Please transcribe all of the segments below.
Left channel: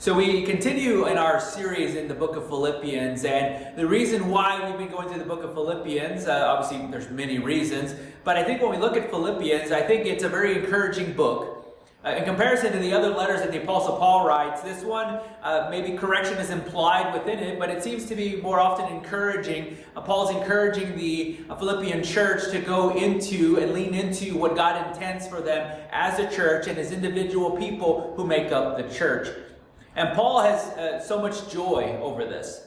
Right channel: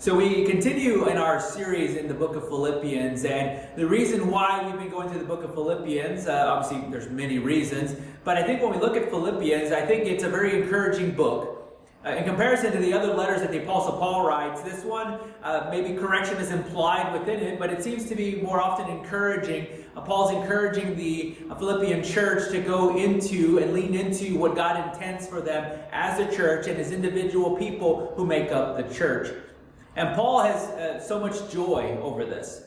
So we continue in our series in the book of Philippians, and the reason why we've been going through the book of Philippians, obviously there's many reasons, but I think when we look at Philippians, I think it's a very encouraging book. In comparison to the other letters that the Apostle Paul writes, this one, maybe correction is implied within it, but it seems to be more often encouraging. Paul's encouraging the Philippian church to go into and lean into what God intends for them as a church and as individual people who make up the church. And Paul has so much joy over this.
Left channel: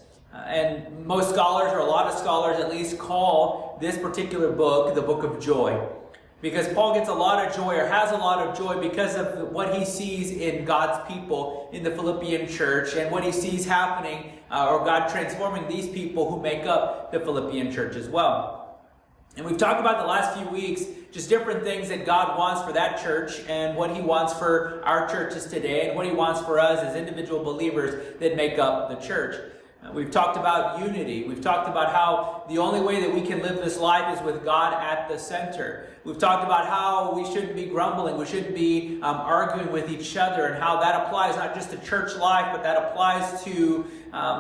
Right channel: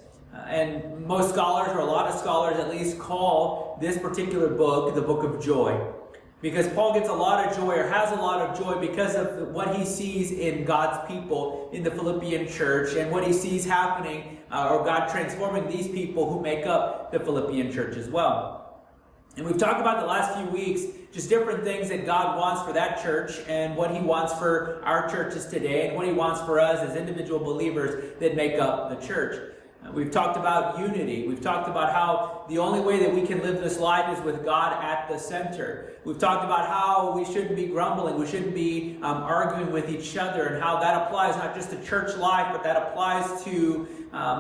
And most scholars, or a lot of scholars at least, call this particular book the book of joy. Because Paul gets a lot of joy, or has a lot of joy, because of what he sees in God's people in the Philippian church, and what he sees happening, or God transforming these people who make up the Philippian church as well. And we've talked about the last few weeks just different things that God wants for that church and what he wants for our churches today and what he wants for us as individual believers that make up the church. We've talked about unity. We've talked about how the only way that we can live this life is with God at the center. We've talked about how we shouldn't be grumbling. We shouldn't be arguing with each other, and how that applies not just to church life, but that applies to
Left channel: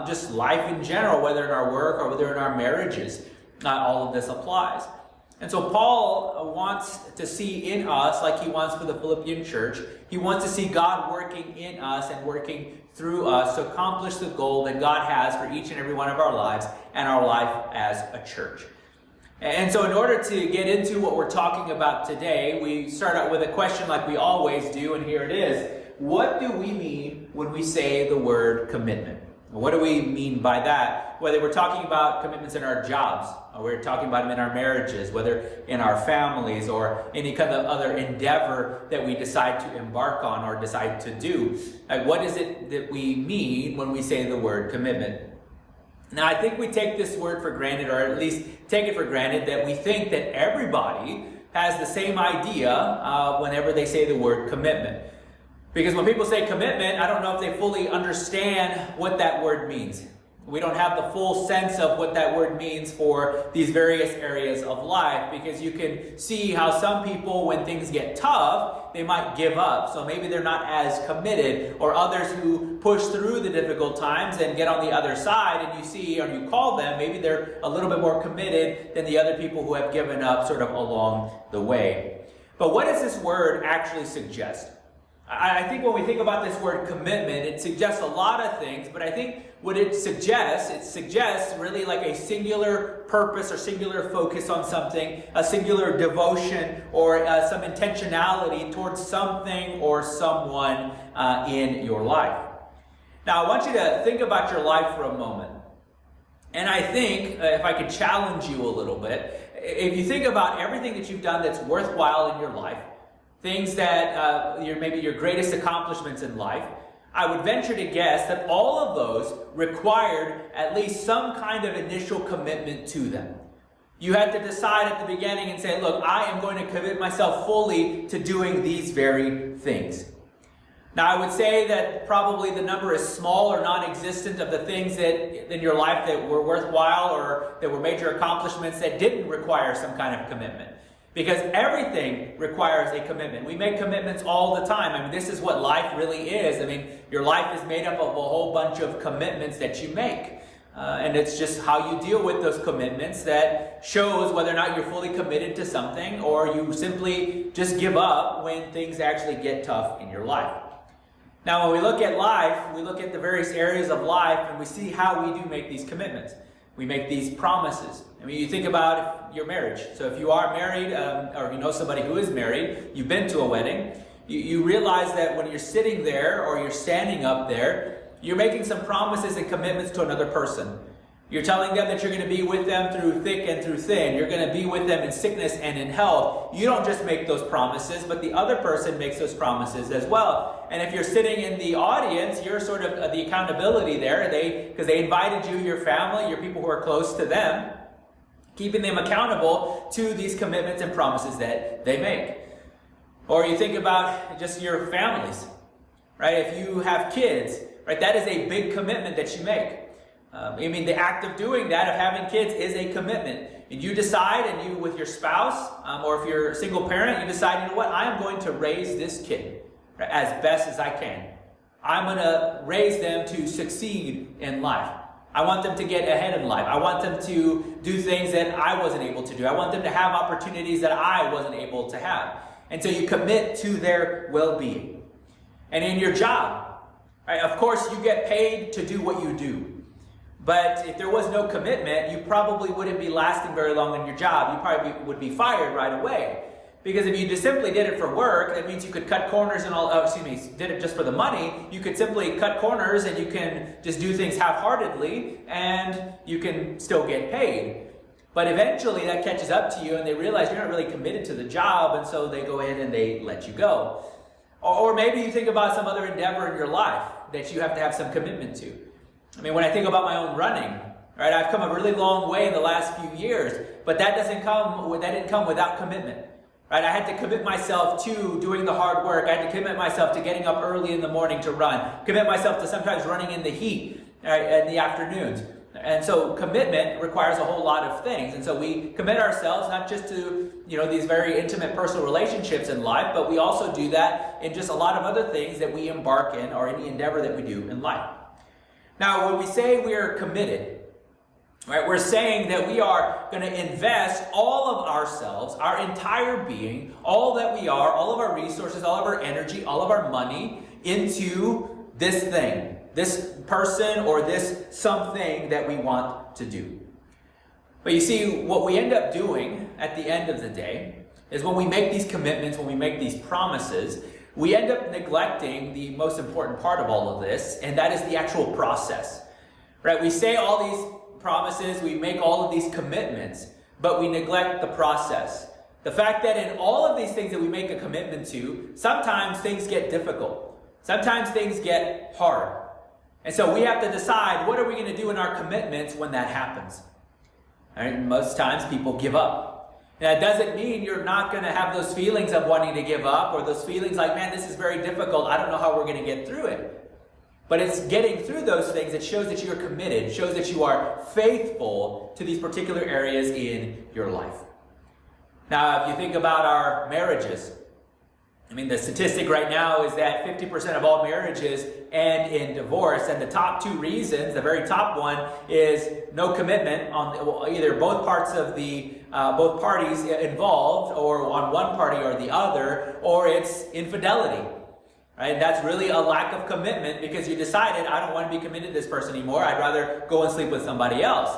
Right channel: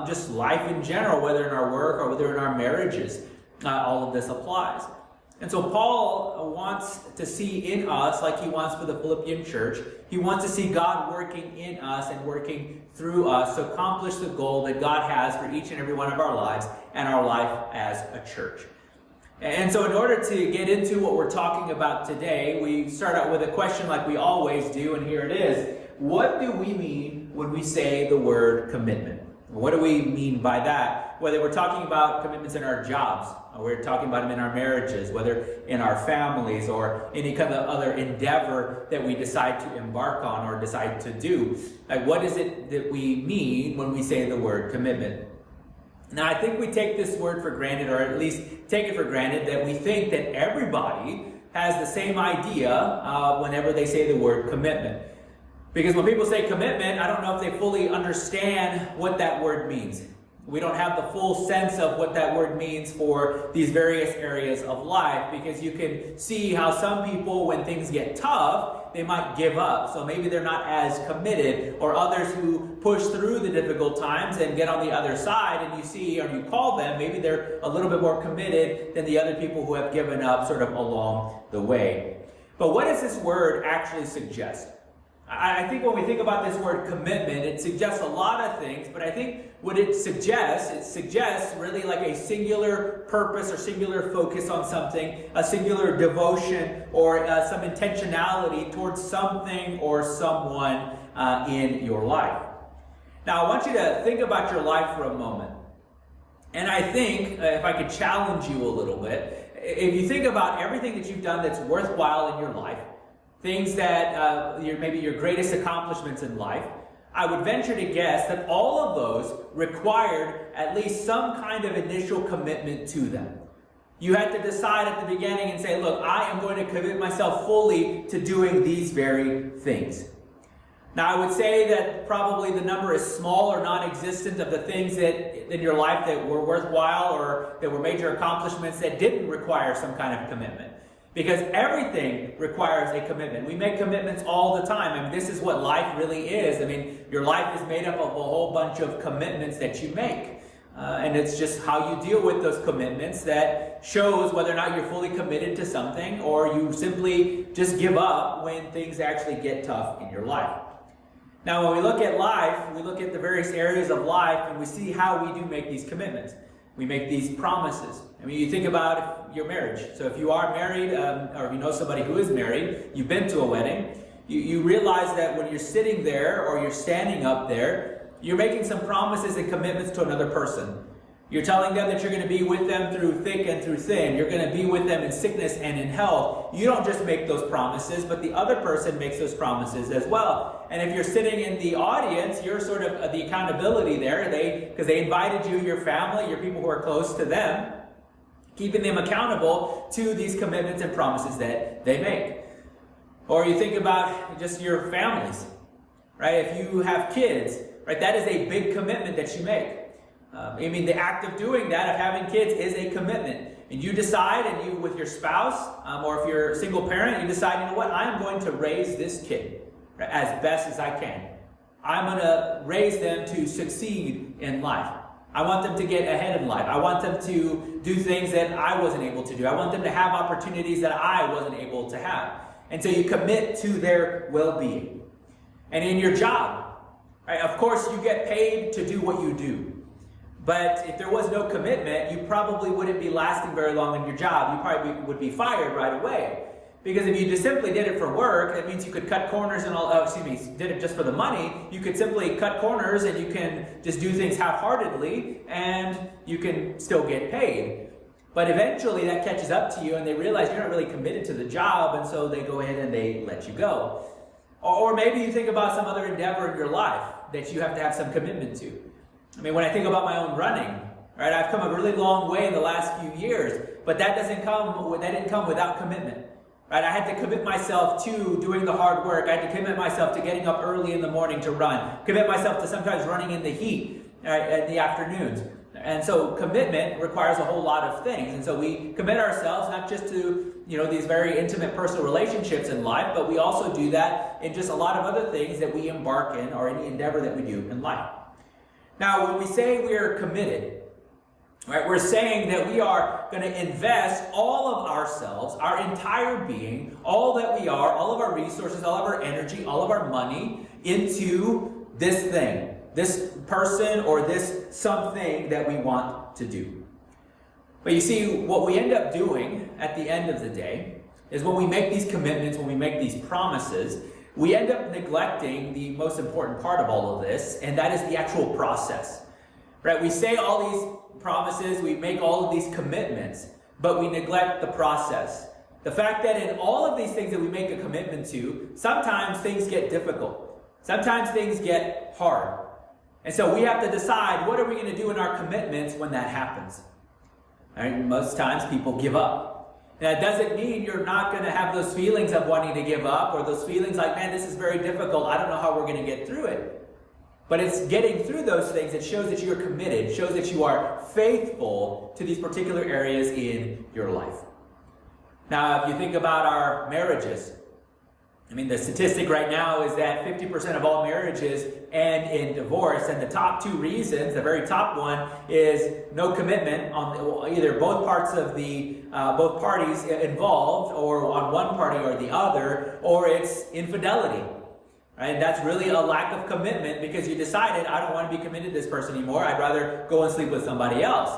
just life in general, whether in our work or whether in our marriages. All of this applies. And so Paul wants to see in us, like he wants for the Philippian church, he wants to see God working in us and working through us to accomplish the goal that God has for each and every one of our lives and our life as a church. And so in order to get into what we're talking about today, we start out with a question like we always do, and here it is. What do we mean when we say the word commitment? What do we mean by that? Whether we're talking about commitments in our jobs, or we're talking about them in our marriages, whether in our families, or any kind of other endeavor that we decide to embark on or decide to do. Like, what is it that we mean when we say the word commitment? Now, I think we take this word for granted, or at least take it for granted, that we think that everybody has the same idea whenever they say the word commitment. Because when people say commitment, I don't know if they fully understand what that word means. We don't have the full sense of what that word means for these various areas of life, because you can see how some people, when things get tough, they might give up. So maybe they're not as committed, or others who push through the difficult times and get on the other side, and you see, or you call them, maybe they're a little bit more committed than the other people who have given up sort of along the way. But what does this word actually suggest? I think when we think about this word commitment, it suggests a lot of things, but I think what it suggests really like a singular purpose or singular focus on something, a singular devotion or some intentionality towards something or someone in your life. Now, I want you to think about your life for a moment. And I think, if I could challenge you a little bit, if you think about everything that you've done that's worthwhile in your life, things that maybe your greatest accomplishments in life, I would venture to guess that all of those required at least some kind of initial commitment to them. You had to decide at the beginning and say, look, I am going to commit myself fully to doing these very things. Now, I would say that probably the number is small or non-existent of the things that in your life that were worthwhile or that were major accomplishments that didn't require some kind of commitment. Because everything requires a commitment. We make commitments all the time. I mean, this is what life really is. I mean, your life is made up of a whole bunch of commitments that you make. And it's just how you deal with those commitments that shows whether or not you're fully committed to something, or you simply just give up when things actually get tough in your life. Now, when we look at life, we look at the various areas of life, and we see how we do make these commitments. We make these promises. I mean, you think about your marriage. So if you are married, or if you know somebody who is married, you've been to a wedding, you realize that when you're sitting there or you're standing up there, you're making some promises and commitments to another person. You're telling them that you're going to be with them through thick and through thin. You're going to be with them in sickness and in health. You don't just make those promises, but the other person makes those promises as well. And if you're sitting in the audience, you're sort of the accountability there. Because they invited you, your family, your people who are close to them, keeping them accountable to these commitments and promises that they make. Or you think about just your families, right? If you have kids, right, that is a big commitment that you make. I mean, the act of doing that, of having kids, is a commitment. And you decide, and you with your spouse, or if you're a single parent, you decide, you know what, I am going to raise this kid as best as I can. I'm going to raise them to succeed in life. I want them to get ahead in life. I want them to do things that I wasn't able to do. I want them to have opportunities that I wasn't able to have. And so you commit to their well-being. And in your job, right, of course you get paid to do what you do. But if there was no commitment, you probably wouldn't be lasting very long in your job. You probably would be fired right away. Because if you just simply did it for work, that means you could cut corners and did it just for the money, you could simply cut corners and you can just do things half-heartedly and you can still get paid. But eventually that catches up to you and they realize you're not really committed to the job, and so they go ahead and they let you go. Or maybe you think about some other endeavor in your life that you have to have some commitment to. I mean, when I think about my own running, right, I've come a really long way in the last few years, but that didn't come without commitment. Right, I had to commit myself to doing the hard work. I had to commit myself to getting up early in the morning to run. Commit myself to sometimes running in the heat in the afternoons. And so commitment requires a whole lot of things. And so we commit ourselves not just to, these very intimate personal relationships in life, but we also do that in just a lot of other things that we embark in or any endeavor that we do in life. Now, when we say we are committed, right, we're saying that we are going to invest all of ourselves, our entire being, all that we are, all of our resources, all of our energy, all of our money into this thing, this person or this something that we want to do. But you see, what we end up doing at the end of the day is when we make these commitments, when we make these promises, we end up neglecting the most important part of all of this, and that is the actual process. Right? We say all these promises, we make all of these commitments, but we neglect the process. The fact that in all of these things that we make a commitment to, sometimes things get difficult. Sometimes things get hard. And so we have to decide, what are we going to do in our commitments when that happens? Right? Most times people give up. And that doesn't mean you're not going to have those feelings of wanting to give up, or those feelings like, man, this is very difficult, I don't know how we're going to get through it. But it's getting through those things that shows that you're committed, shows that you are faithful to these particular areas in your life. Now, if you think about our marriages, I mean, the statistic right now is that 50% of all marriages end in divorce, and the top two reasons, the very top one, is no commitment on either both parties involved, or on one party or the other, or it's infidelity. Right? That's really a lack of commitment because you decided, I don't want to be committed to this person anymore. I'd rather go and sleep with somebody else.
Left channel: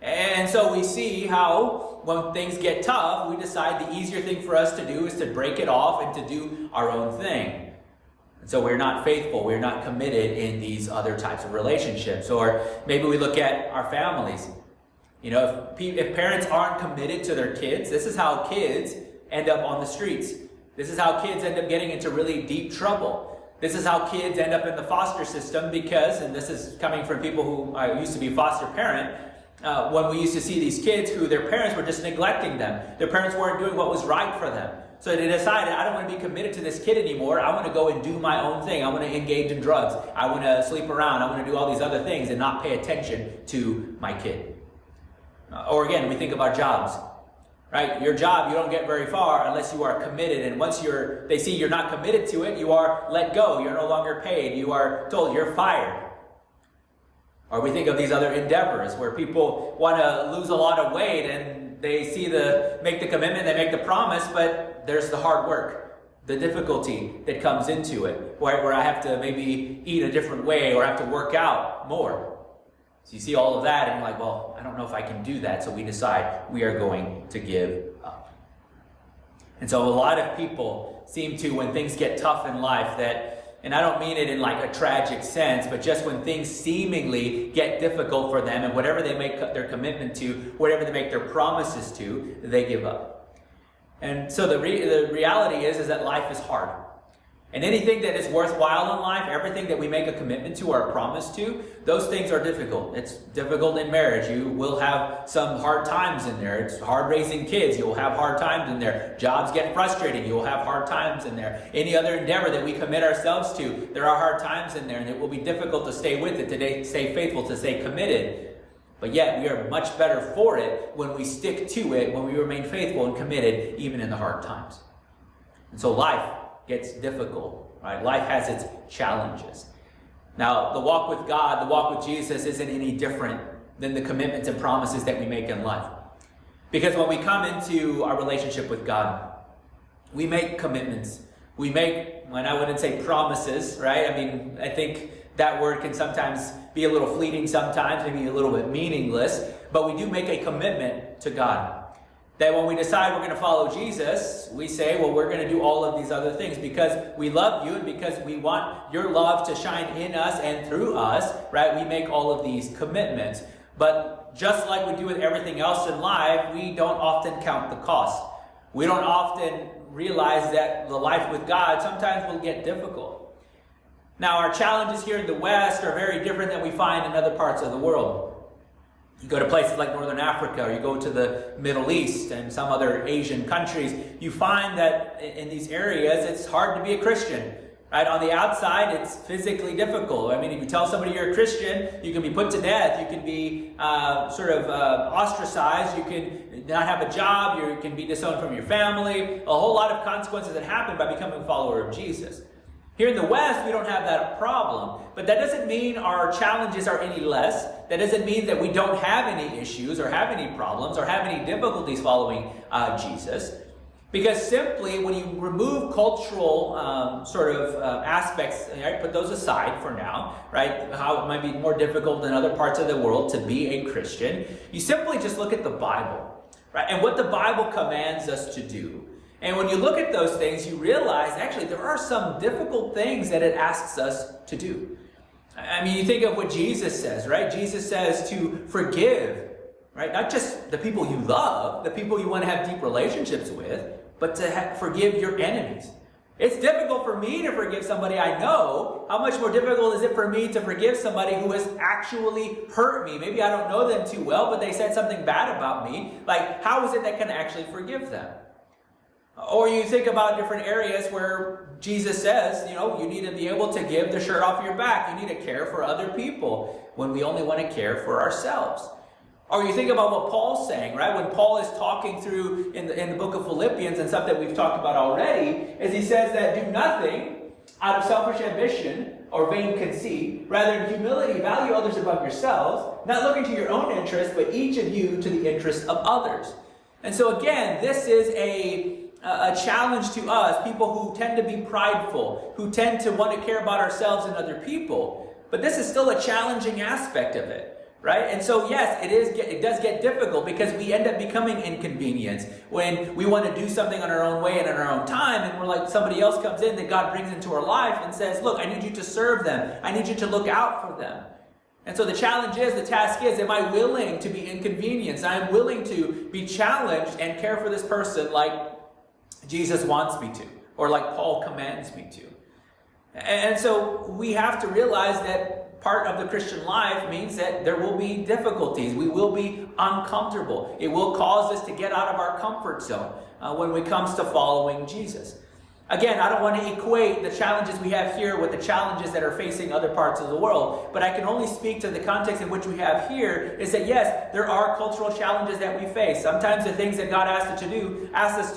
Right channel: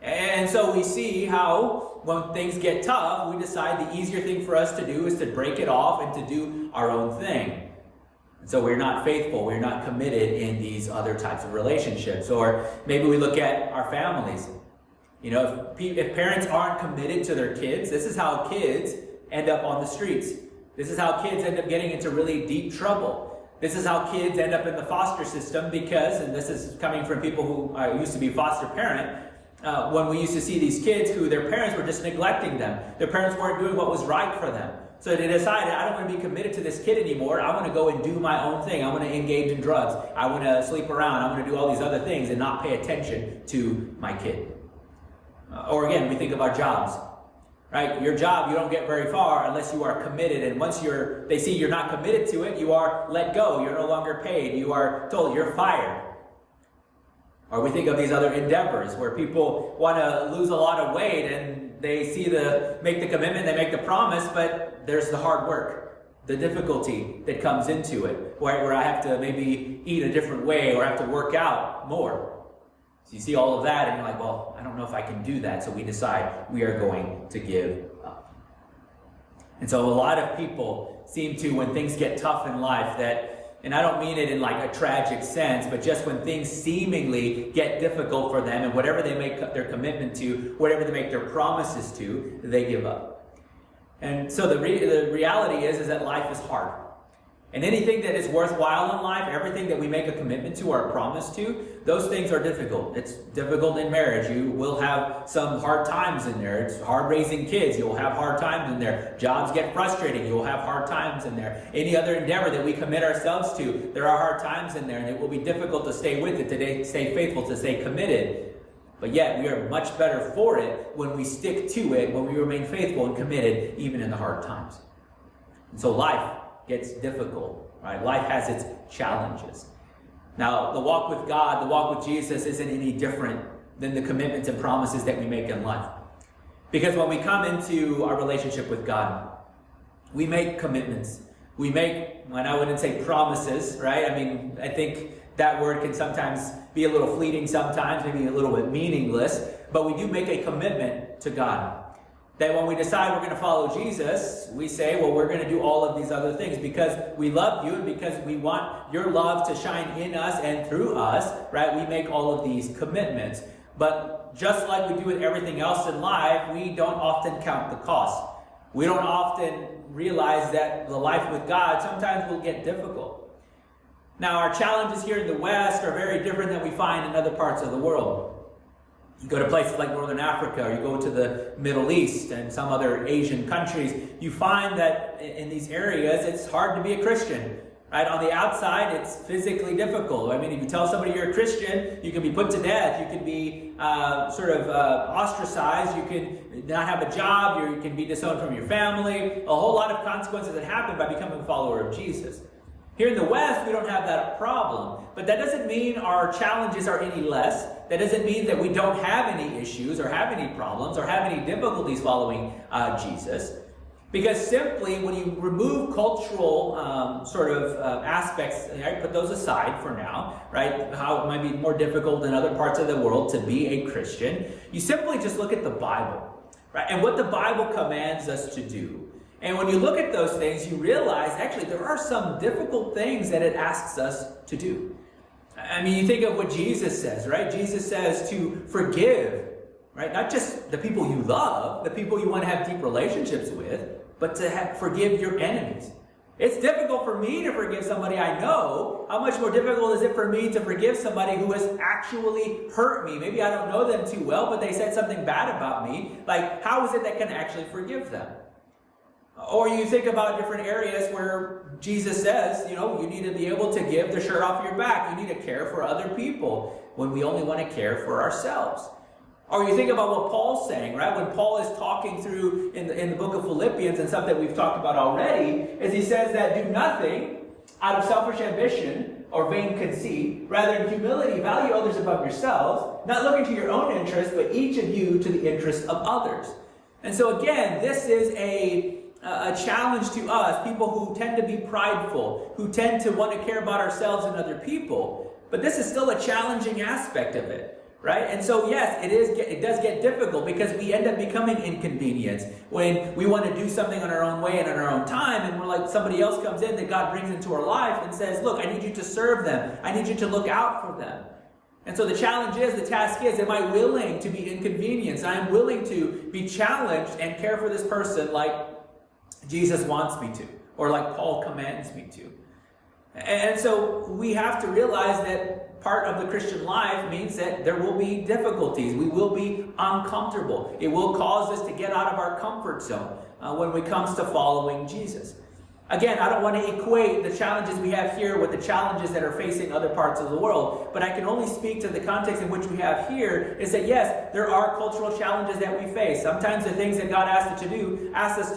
And so we see how when things get tough, we decide the easier thing for us to do is to break it off and to do our own thing. And so we're not faithful. We're not committed in these other types of relationships. Or maybe we look at our families. If parents aren't committed to their kids, this is how kids end up on the streets. This is how kids end up getting into really deep trouble. This is how kids end up in the foster system because, and this is coming from people who I used to be foster parent, when we used to see these kids who their parents were just neglecting them. Their parents weren't doing what was right for them. So they decided, I don't want to be committed to this kid anymore. I want to go and do my own thing. I want to engage in drugs. I want to sleep around. I want to do all these other things and not pay attention to my kid. Or again, we think of our jobs. Right? Your job, you don't get very far unless you are committed. And once they see you're not committed to it, you are let go. You're no longer paid. You are told you're fired. Or we think of these other endeavors where people want to lose a lot of weight and they make the commitment, they make the promise, but there's the hard work, the difficulty that comes into it, where I have to maybe eat a different way or I have to work out more. So you see all of that and you're like, well, I don't know if I can do that. So we decide we are going to give up. And so a lot of people seem to, when things get tough in life, and I don't mean it in like a tragic sense, but just when things seemingly get difficult for them and whatever they make their commitment to, whatever they make their promises to, they give up. And so the reality is that life is hard. And anything that is worthwhile in life, everything that we make a commitment to or a promise to, those things are difficult. It's difficult in marriage. You will have some hard times in there. It's hard raising kids. You'll have hard times in there. Jobs get frustrating. You'll have hard times in there. Any other endeavor that we commit ourselves to, there are hard times in there, and it will be difficult to stay with it, to stay faithful, to stay committed. But yet, we are much better for it when we stick to it, when we remain faithful and committed, even in the hard times. And so life gets difficult, right? Life has its challenges. Now, the walk with God, the walk with Jesus isn't any different than the commitments and promises that we make in life. Because when we come into our relationship with God, we make commitments. We make, and I wouldn't say promises, right? I mean, I think that word can sometimes be a little fleeting sometimes, maybe a little bit meaningless, but we do make a commitment to God. That when we decide we're going to follow Jesus, we say, well, we're going to do all of these other things because we love you and because we want your love to shine in us and through us, right? We make all of these commitments. But just like we do with everything else in life, we don't often count the cost. We don't often realize that the life with God sometimes will get difficult. Now, our challenges here in the West are very different than we find in other parts of the world. You go to places like Northern Africa, or you go to the Middle East and some other Asian countries, you find that in these areas, it's hard to be a Christian. Right? On the outside, it's physically difficult. I mean, if you tell somebody you're a Christian, you can be put to death. You can be ostracized. You can not have a job. You can be disowned from your family. A whole lot of consequences that happen by becoming a follower of Jesus. Here in the West, we don't have that problem. But that doesn't mean our challenges are any less. That doesn't mean that we don't have any issues or have any problems or have any difficulties following Jesus. Because simply, when you remove cultural aspects, right, put those aside for now, right, how it might be more difficult in other parts of the world to be a Christian, you simply just look at the Bible, right, and what the Bible commands us to do. And when you look at those things, you realize, actually, there are some difficult things that it asks us to do. I mean, you think of what Jesus says, right? Jesus says to forgive, right, not just the people you love, the people you want to have deep relationships with, but to forgive your enemies. It's difficult for me to forgive somebody I know. How much more difficult is it for me to forgive somebody who has actually hurt me? Maybe I don't know them too well, but they said something bad about me. Like, how is it that I can actually forgive them? Or you think about different areas where Jesus says, you need to be able to give the shirt off your back. You need to care for other people when we only want to care for ourselves. Or you think about what Paul's saying, right? When Paul is talking through in the book of Philippians, and something that we've talked about already, is he says that do nothing out of selfish ambition or vain conceit. Rather, in humility, value others above yourselves, not looking to your own interest, but each of you to the interest of others. And so again, this is a challenge to us, people who tend to be prideful, who tend to want to care about ourselves and other people. But this is still a challenging aspect of it. Right? And so, yes, it does get difficult because we end up becoming inconvenienced when we want to do something on our own way and on our own time, and we're like, somebody else comes in that God brings into our life and says, look, I need you to serve them. I need you to look out for them. And so the challenge is, the task is, am I willing to be inconvenienced? I am willing to be challenged and care for this person like Jesus wants me to, or like Paul commands me to. And so we have to realize that part of the Christian life means that there will be difficulties. We will be uncomfortable. It will cause us to get out of our comfort zone when it comes to following Jesus. Again, I don't want to equate the challenges we have here with the challenges that are facing other parts of the world, but I can only speak to the context in which we have here is that yes, there are cultural challenges that we face. Sometimes the things that God asks us to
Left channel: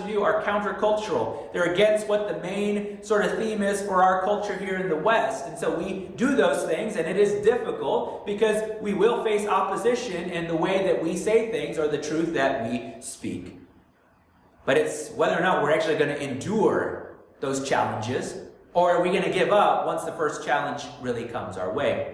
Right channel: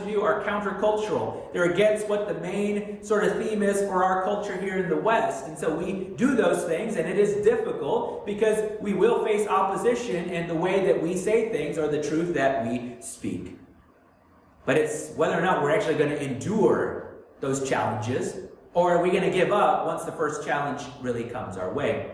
do are countercultural. They're against what the main sort of theme is for our culture here in the West. And so we do those things, and it is difficult because we will face opposition in the way that we say things or the truth that we speak. But it's whether or not we're actually going to endure those challenges, or are we going to give up once the first challenge really comes our way?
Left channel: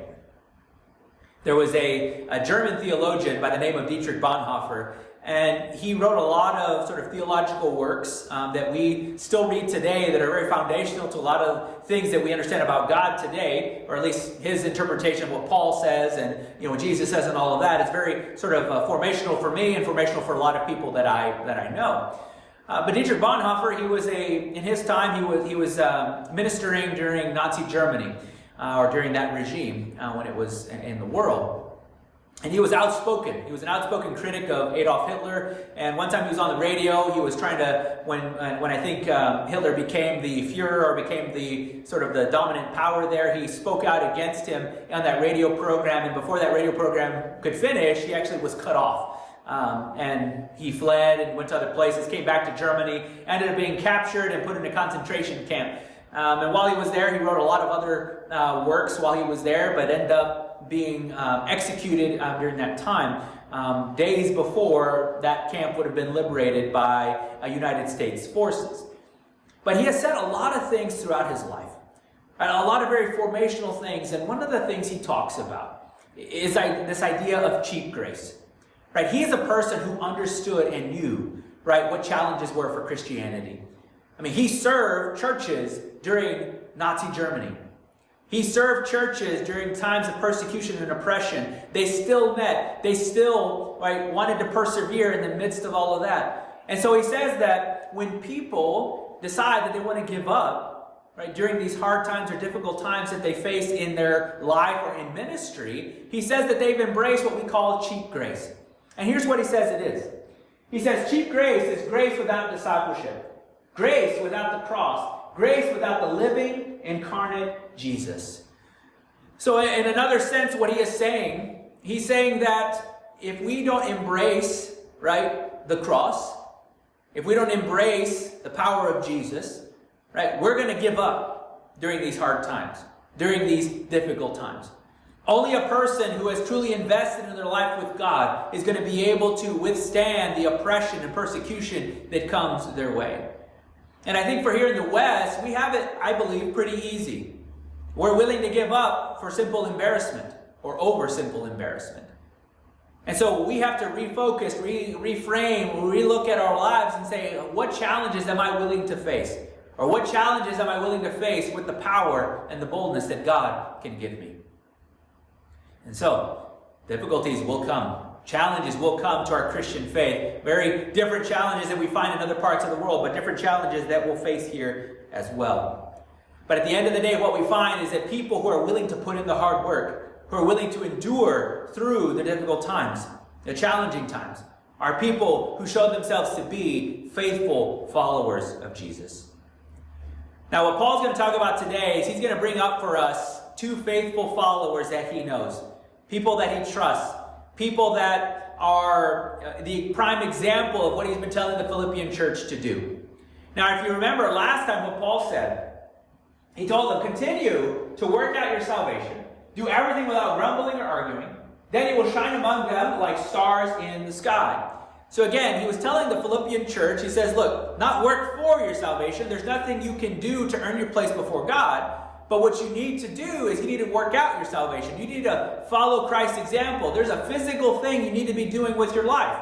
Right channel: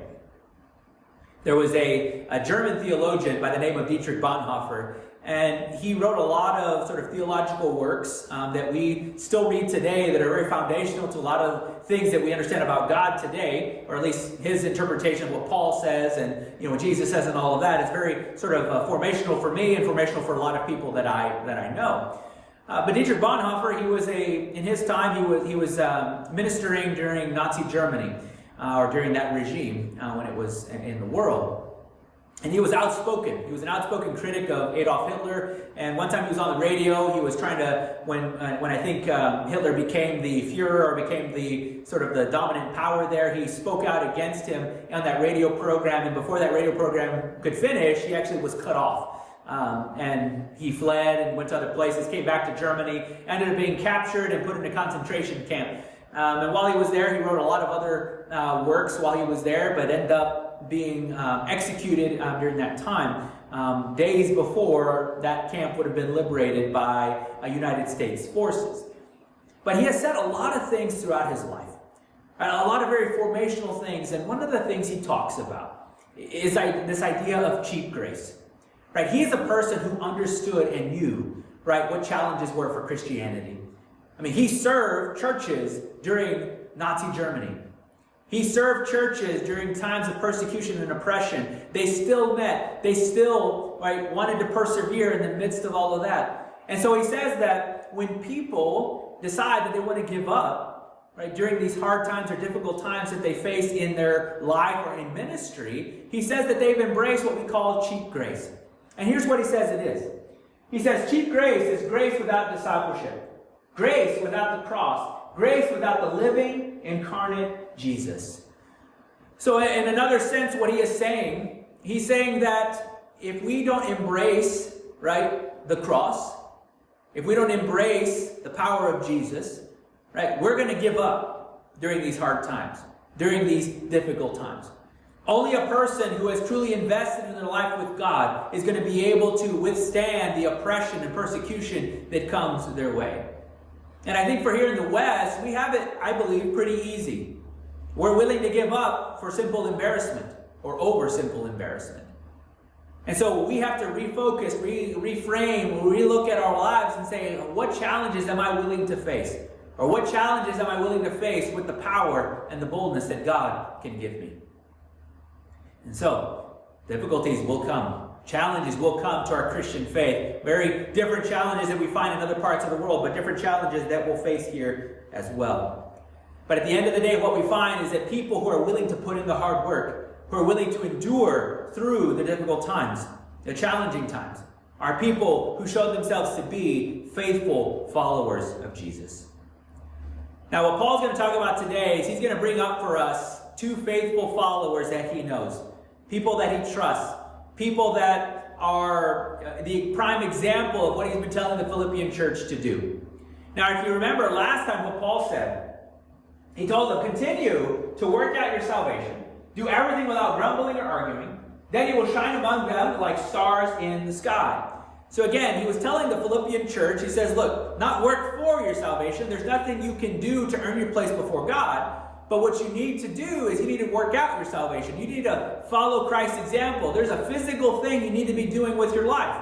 There was a German theologian by the name of Dietrich Bonhoeffer, and he wrote a lot of sort of theological works that we still read today that are very foundational to a lot of things that we understand about God today, or at least his interpretation of what Paul says and what Jesus says and all of that. It's very sort of formational for me and formational for a lot of people that I know. But Dietrich Bonhoeffer, in his time, he was ministering during Nazi Germany, or during that regime when it was in the world. And he was outspoken. He was an outspoken critic of Adolf Hitler. And one time he was on the radio. He was trying to, when I think Hitler became the Führer or became the sort of the dominant power there, he spoke out against him on that radio program. And before that radio program could finish, he actually was cut off and he fled and went to other places, came back to Germany, ended up being captured and put in a concentration camp. And while he was there, he wrote a lot of other works while he was there, but ended up being executed during that time, days before that camp would have been liberated by United States forces. But he has said a lot of things throughout his life, a lot of very formational things, and one of the things he talks about is this idea of cheap grace. Right? He is a person who understood and knew, right, what challenges were for Christianity. I mean, he served churches during Nazi Germany. He served churches during times of persecution and oppression. They still met. They still, right, wanted to persevere in the midst of all of that. And so he says that when people decide that they want to give up, right, during these hard times or difficult times that they face in their life or in ministry, he says that they've embraced what we call cheap grace. And here's what he says it is. He says cheap grace is grace without discipleship, grace without the cross, grace without the living, incarnate Jesus. So in another sense, what he is saying, he's saying that if we don't embrace, right, the cross, if we don't embrace the power of Jesus, right, we're going to give up during these hard times, during these difficult times. Only a person who has truly invested in their life with God is going to be able to withstand the oppression and persecution that comes their way. And I think for here in the West, we have it, I believe, pretty easy. We're willing to give up for simple embarrassment or over simple embarrassment. And so we have to refocus, reframe, relook at our lives and say, what challenges am I willing to face? Or what challenges am I willing to face with the power and the boldness that God can give me? And so, difficulties will come. Challenges will come to our Christian faith. Very different challenges that we find in other parts of the world, but different challenges that we'll face here as well. But at the end of the day, what we find is that people who are willing to put in the hard work, who are willing to endure through the difficult times, the challenging times, are people who show themselves to be faithful followers of Jesus. Now, what Paul's going to talk about today is he's going to bring up for us two faithful followers that he knows. People that he trusts. People that are the prime example of what he's been telling the Philippian church to do. Now, if you remember last time what Paul said, he told them, continue to work out your salvation. Do everything without grumbling or arguing. Then you will shine among them like stars in the sky. So again, he was telling the Philippian church, he says, look, not work for your salvation. There's nothing you can do to earn your place before God. But what you need to do is you need to work out your salvation. You need to follow Christ's example. There's a physical thing you need to be doing with your life.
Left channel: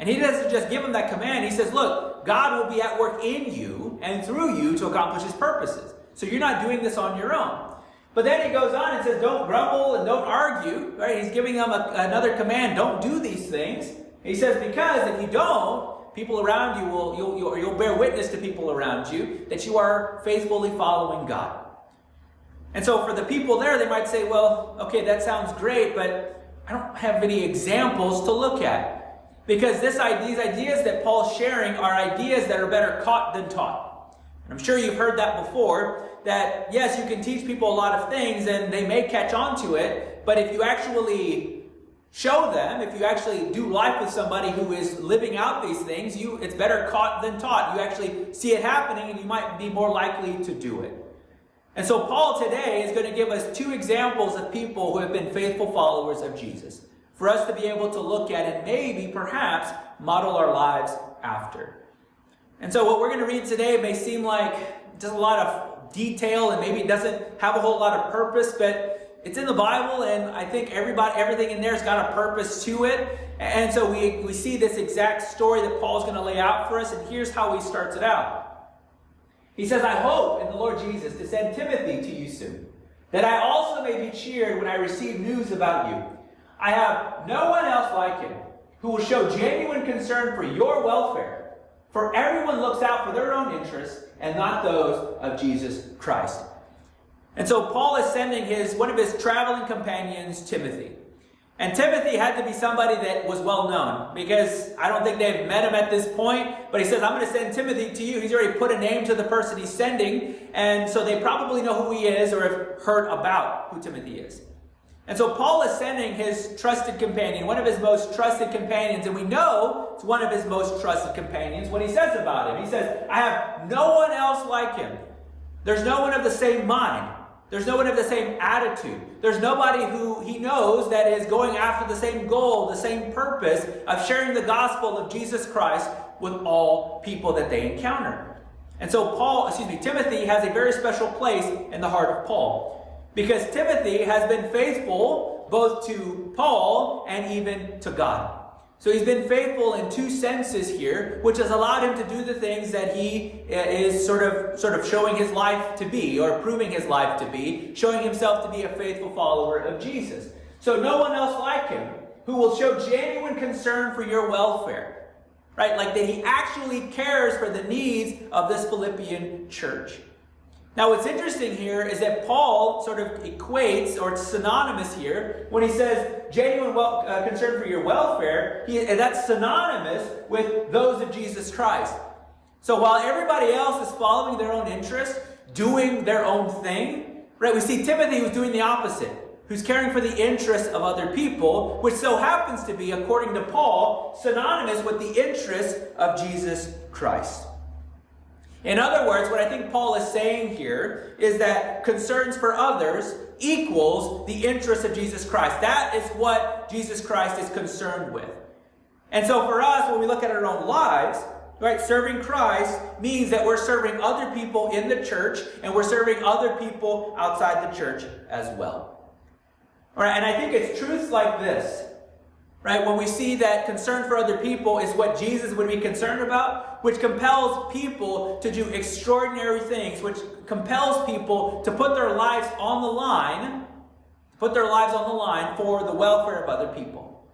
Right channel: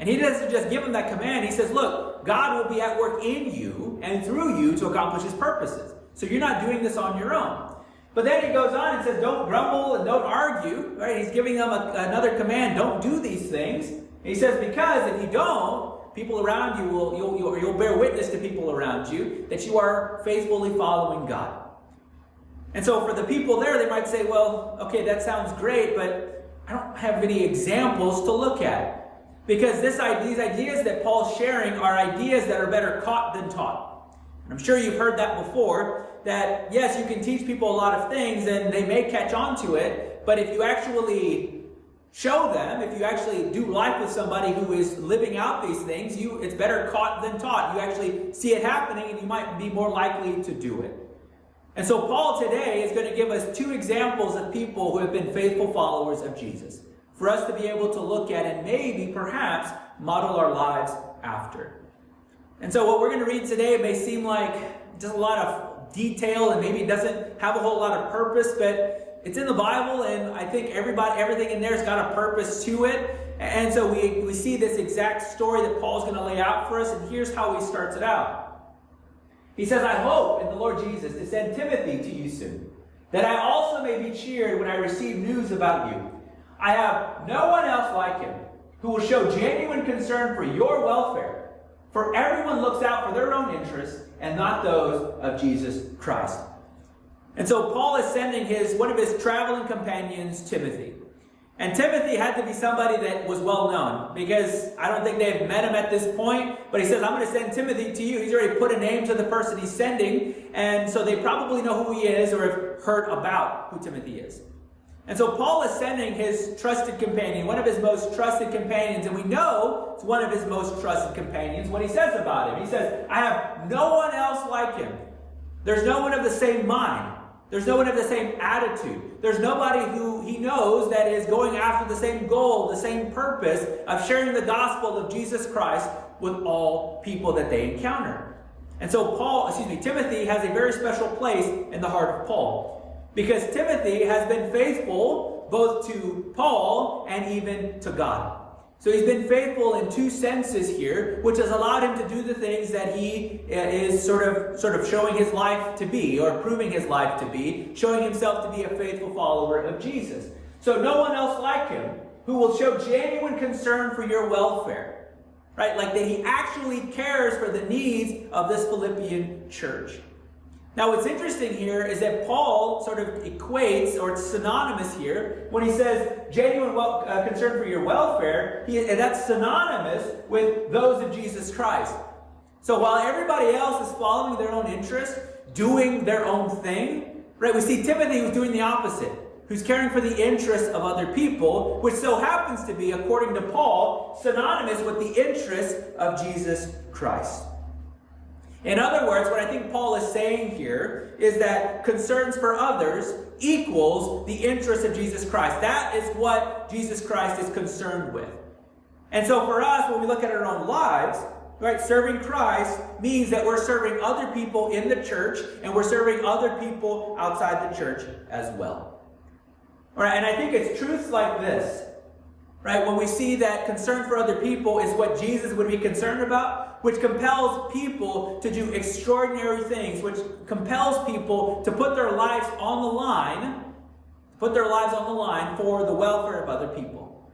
And he doesn't just give them that command. He says, look, God will be at work in you and through you to accomplish his purposes. So you're not doing this on your own. But then he goes on and says, don't grumble and don't argue. Right? He's giving them another command. Don't do these things. And he says, because if you don't, people around you you'll bear witness to people around you that you are faithfully following God. And so for the people there, they might say, well, okay, that sounds great, but I don't have any examples to look at. Because these ideas that Paul's sharing are ideas that are better caught than taught. And I'm sure you've heard that before, that yes, you can teach people a lot of things and they may catch on to it, but if you actually show them, if you actually do life with somebody who is living out these things, it's better caught than taught. You actually see it happening and you might be more likely to do it. And so Paul today is going to give us two examples of people who have been faithful followers of Jesus for us to be able to look at and maybe, perhaps, model our lives after. And so what we're going to read today may seem like just a lot of detail and maybe it doesn't have a whole lot of purpose, but it's in the Bible and I think everything in there has got a purpose to it. And so we see this exact story that Paul's going to lay out for us, and here's how he starts it out. He says, I hope in the Lord Jesus to send Timothy to you soon, that I also may be cheered when I receive news about you. I have no one else like him who will show genuine concern for your welfare, for everyone looks out for their own interests and not those of Jesus Christ. And so Paul is sending one of his traveling companions, Timothy. And Timothy had to be somebody that was well known, because I don't think they've met him at this point, but he says, I'm going to send Timothy to you. He's already put a name to the person he's sending, and so they probably know who he is or have heard about who Timothy is. And so Paul is sending his trusted companion, one of his most trusted companions, and we know it's one of his most trusted companions, what he says about him. He says, I have no one else like him. There's no one of the same mind. There's no one of the same attitude. There's nobody who he knows that is going after the same goal, the same purpose of sharing the gospel of Jesus Christ with all people that they encounter. And so Timothy has a very special place in the heart of Paul. Because Timothy has been faithful both to Paul and even to God. So he's been faithful in two senses here, which has allowed him to do the things that he is sort of showing his life to be, or proving his life to be, showing himself to be a faithful follower of Jesus. So no one else like him who will show genuine concern for your welfare, right? Like that he actually cares for the needs of this Philippian church. Now, what's interesting here is that Paul sort of equates, or it's synonymous here, when he says genuine concern for your welfare, that's synonymous with those of Jesus Christ. So while everybody else is following their own interest, doing their own thing, right? We see Timothy who's doing the opposite, who's caring for the interests of other people, which so happens to be, according to Paul, synonymous with the interests of Jesus Christ. In other words, what I think Paul is saying here is that concerns for others equals the interest of Jesus Christ. That is what Jesus Christ is concerned with. And so for us, when we look at our own lives, right, serving Christ means that we're serving other people in the church, and we're serving other people outside the church as well. All right, and I think it's truths like this, right, when we see that concern for other people is what Jesus would be concerned about, which compels people to do extraordinary things, which compels people to put their lives on the line, for the welfare of other people.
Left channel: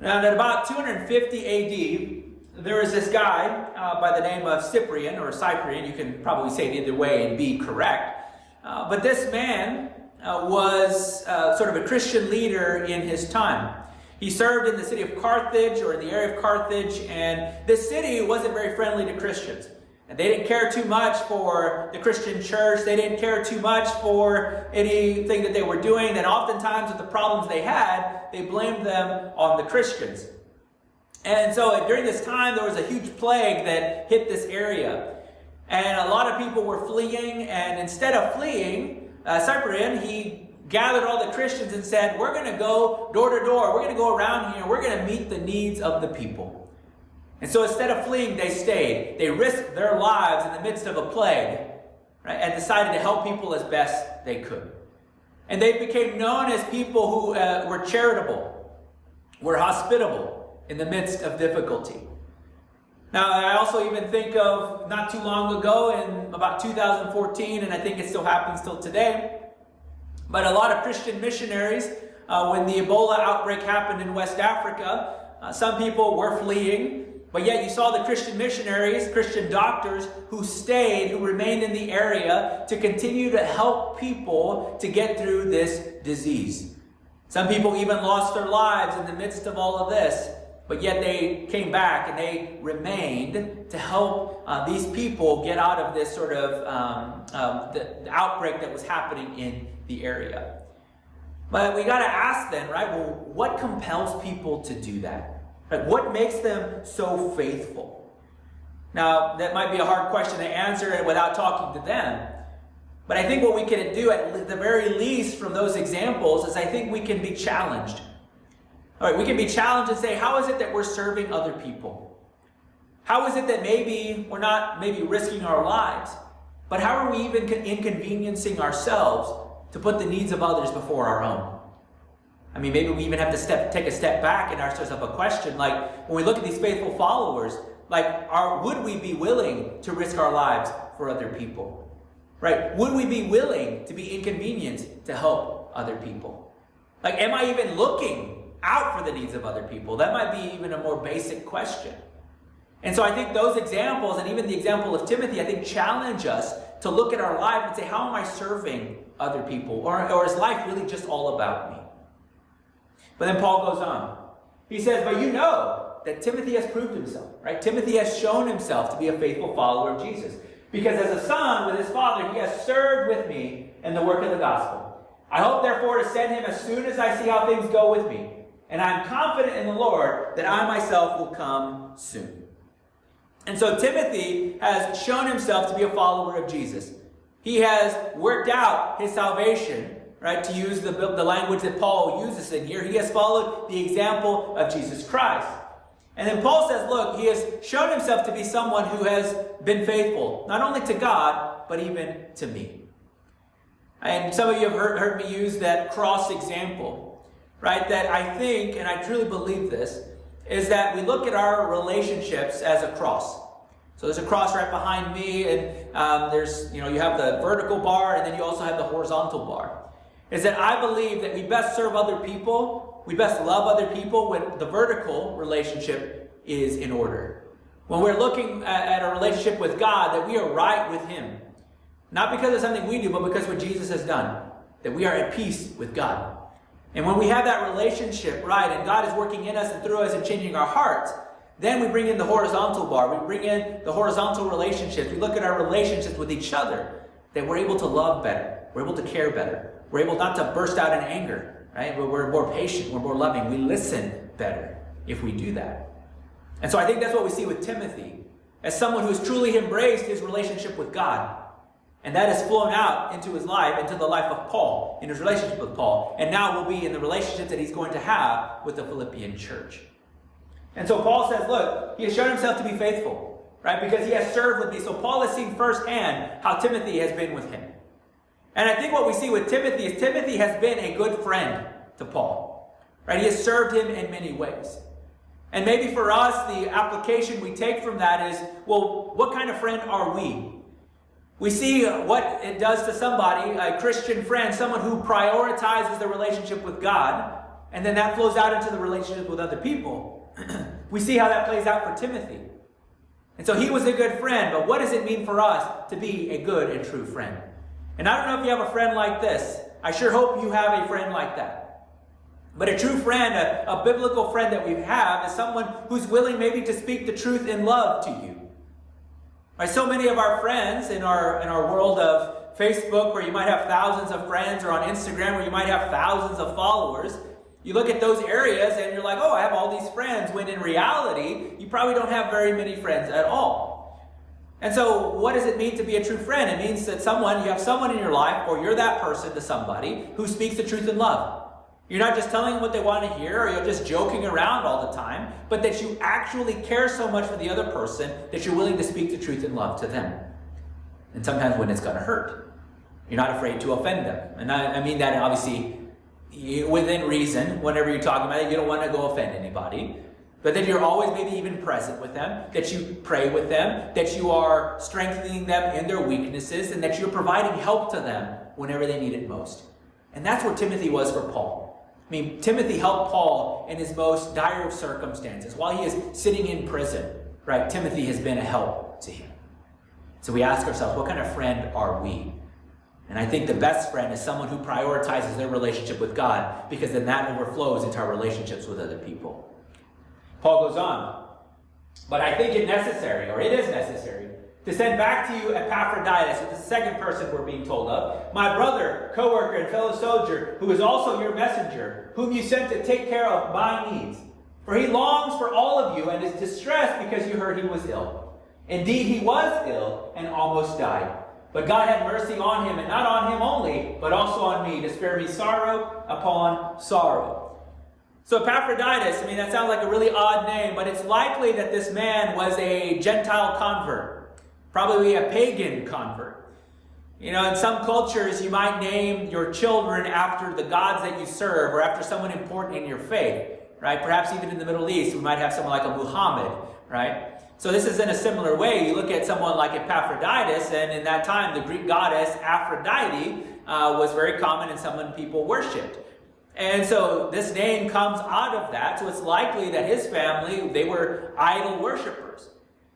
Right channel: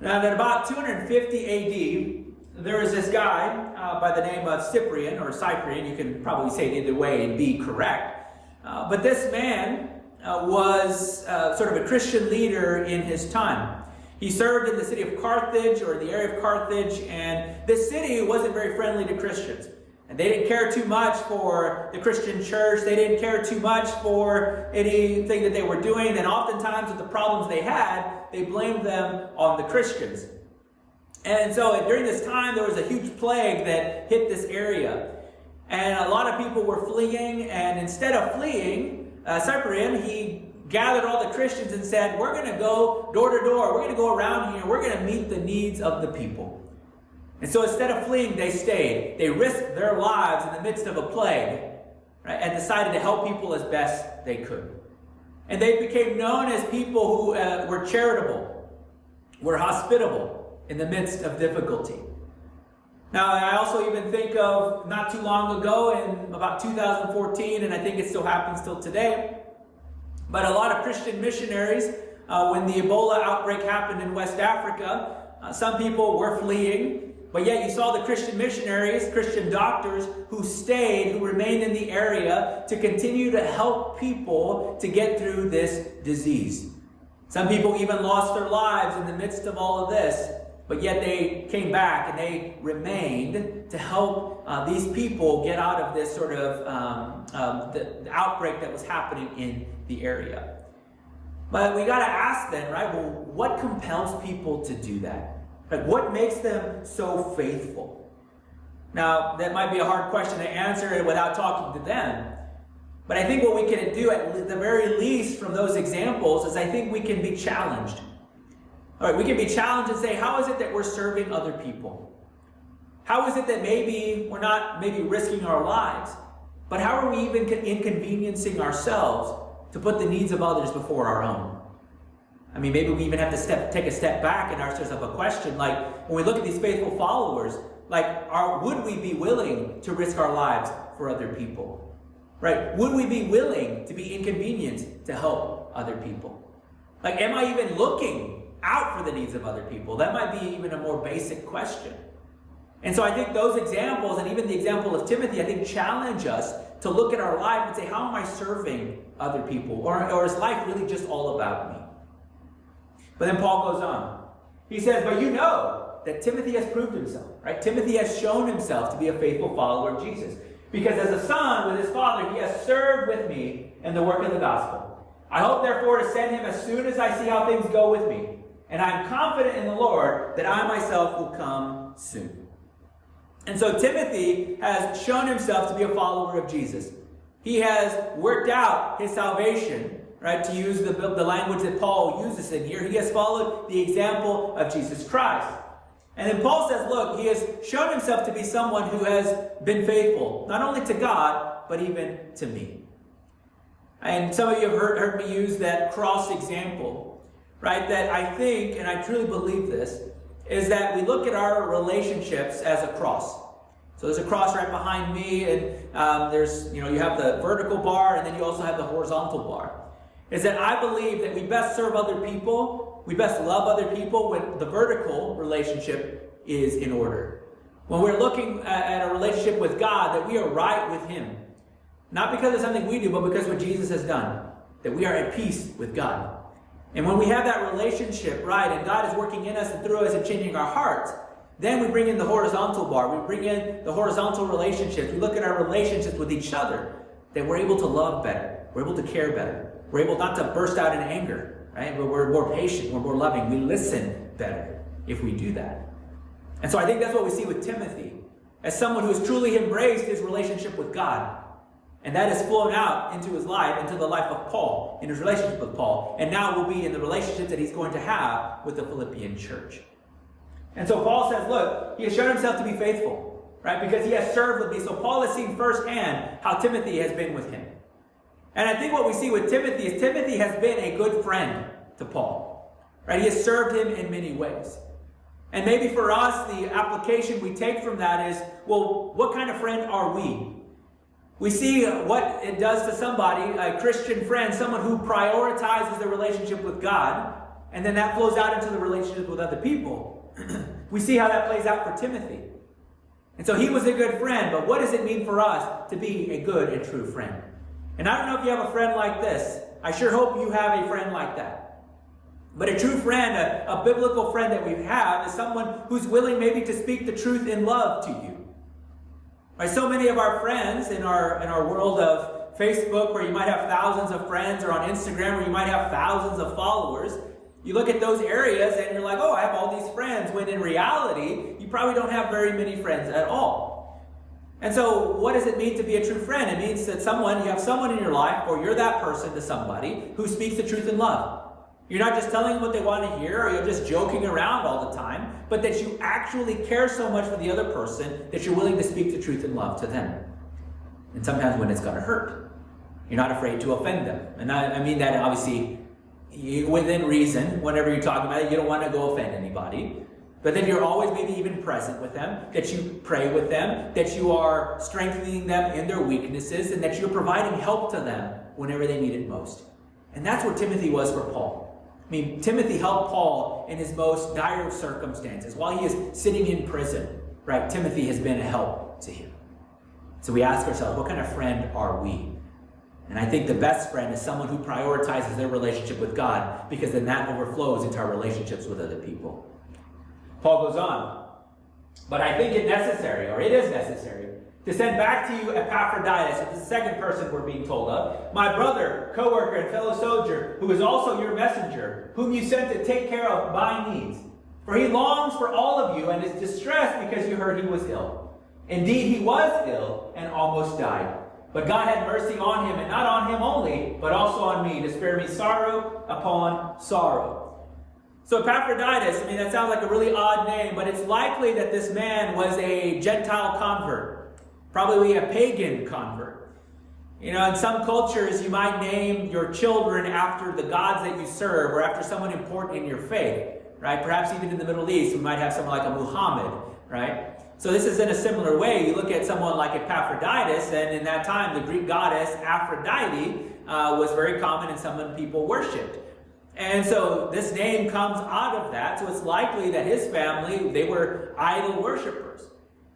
Now, at about 250 AD, there was this guy by the name of Cyprian. You can probably say it either way and be correct. But this man was sort of a Christian leader in his time. He served in the city of Carthage, or in the area of Carthage, and this city wasn't very friendly to Christians. And they didn't care too much for the Christian church. They didn't care too much for anything that they were doing. And oftentimes with the problems they had, they blamed them on the Christians. And so during this time, there was a huge plague that hit this area. And a lot of people were fleeing. And instead of fleeing, Cyprian, he gathered all the Christians and said, we're going to go door to door. We're going to go around here. We're going to meet the needs of the people. And so instead of fleeing, they stayed. They risked their lives in the midst of a plague, right, and decided to help people as best they could. And they became known as people who were charitable, were hospitable in the midst of difficulty. Now, I also even think of not too long ago, in about 2014, and I think it still happens till today, but a lot of Christian missionaries, when the Ebola outbreak happened in West Africa, some people were fleeing, but yet you saw the Christian missionaries, Christian doctors who stayed, who remained in the area to continue to help people to get through this disease. Some people even lost their lives in the midst of all of this, but yet they came back and they remained to help these people get out of this sort of the outbreak that was happening in the area. But we got to ask then, right, well, what compels people to do that? Like, what makes them so faithful? Now, that might be a hard question to answer without talking to them. But I think what we can do, at the very least from those examples, is I think we can be challenged. All right, we can be challenged and say, how is it that we're serving other people? How is it that maybe we're not risking our lives, but how are we even inconveniencing ourselves to put the needs of others before our own? I mean, maybe we even have to take a step back and ask ourselves a question, like, when we look at these faithful followers, like, would we be willing to risk our lives for other people? Right? Would we be willing to be inconvenienced to help other people? Like, am I even looking out for the needs of other people? That might be even a more basic question. And so I think those examples, and even the example of Timothy, I think challenge us to look at our life and say, how am I serving other people? Or is life really just all about me? But then Paul goes on. He says, but you know that Timothy has proved himself, right? Timothy has shown himself to be a faithful follower of Jesus. Because as a son with his father, he has served with me in the work of the gospel. I hope, therefore, to send him as soon as I see how things go with me. And I am confident in the Lord that I myself will come soon. And so Timothy has shown himself to be a follower of Jesus. He has worked out his salvation, right, to use the language that Paul uses in here. He has followed the example of Jesus Christ. And then Paul says, look, he has shown himself to be someone who has been faithful, not only to God, but even to me. And some of you have heard me use that cross example, right? That I think, and I truly believe this, is that we look at our relationships as a cross. So there's a cross right behind me, and there's, you have the vertical bar, and then you also have the horizontal bar. Is that I believe that we best serve other people, we best love other people when the vertical relationship is in order. When we're looking at a relationship with God, that we are right with Him. Not because of something we do, but because of what Jesus has done. That we are at peace with God. And when we have that relationship right, and God is working in us and through us and changing our hearts, then we bring in the horizontal bar. We bring in the horizontal relationships. We look at our relationships with each other, that we're able to love better. We're able to care better. We're able not to burst out in anger, right? We're more patient. We're more loving. We listen better if we do that. And so I think that's what we see with Timothy, as someone who has truly embraced his relationship with God. And that has flown out into his life, into the life of Paul, in his relationship with Paul. And now will be in the relationship that he's going to have with the Philippian church. And so Paul says, look, he has shown himself to be faithful, right? Because he has served with me. So Paul has seen firsthand how Timothy has been with him. And I think what we see with Timothy is Timothy has been a good friend to Paul, right? He has served him in many ways. And maybe for us, the application we take from that is, well, what kind of friend are we? We see what it does to somebody, a Christian friend, someone who prioritizes their relationship with God, and then that flows out into the relationship with other people. We see how that plays out for Timothy. And so he was a good friend, but what does it mean for us to be a good and true friend? And I don't know if you have a friend like this. I sure hope you have a friend like that. But a true friend, a biblical friend that we have, is someone who's willing maybe to speak the truth in love to you. Right, so many of our friends in our world of Facebook, where you might have thousands of friends, or on Instagram, where you might have thousands of followers, you look at those areas and you're like, oh, I have all these friends, when in reality, you probably don't have very many friends at all. And so what does it mean to be a true friend? It means that you have someone in your life, or you're that person to somebody, who speaks the truth in love. You're not just telling them what they want to hear, or you're just joking around all the time, but that you actually care so much for the other person that you're willing to speak the truth in love to them. And sometimes when it's going to hurt, you're not afraid to offend them. And I mean that obviously within reason. Whenever you're talking about it, you don't want to go offend anybody. But that you're always maybe even present with them, that you pray with them, that you are strengthening them in their weaknesses, and that you're providing help to them whenever they need it most. And that's where Timothy was for Paul. I mean, Timothy helped Paul in his most dire of circumstances. While he is sitting in prison, right, Timothy has been a help to him. So we ask ourselves, what kind of friend are we? And I think the best friend is someone who prioritizes their relationship with God, because then that overflows into our relationships with other people. Paul goes on, but I think it is necessary, to send back to you Epaphroditus, so this is the second person we're being told of, my brother, co-worker, and fellow soldier, who is also your messenger, whom you sent to take care of my needs. For he longs for all of you, and is distressed because you heard he was ill. Indeed, he was ill, and almost died. But God had mercy on him, and not on him only, but also on me, to spare me sorrow upon sorrow. So Epaphroditus, that sounds like a really odd name, but it's likely that this man was a Gentile convert, probably a pagan convert. In some cultures, you might name your children after the gods that you serve, or after someone important in your faith, right? Perhaps even in the Middle East, we might have someone like a Muhammad, right? So this is in a similar way. You look at someone like Epaphroditus, and in that time, the Greek goddess Aphrodite was very common and someone people worshipped. And so this name comes out of that. So it's likely that his family, they were idol worshipers.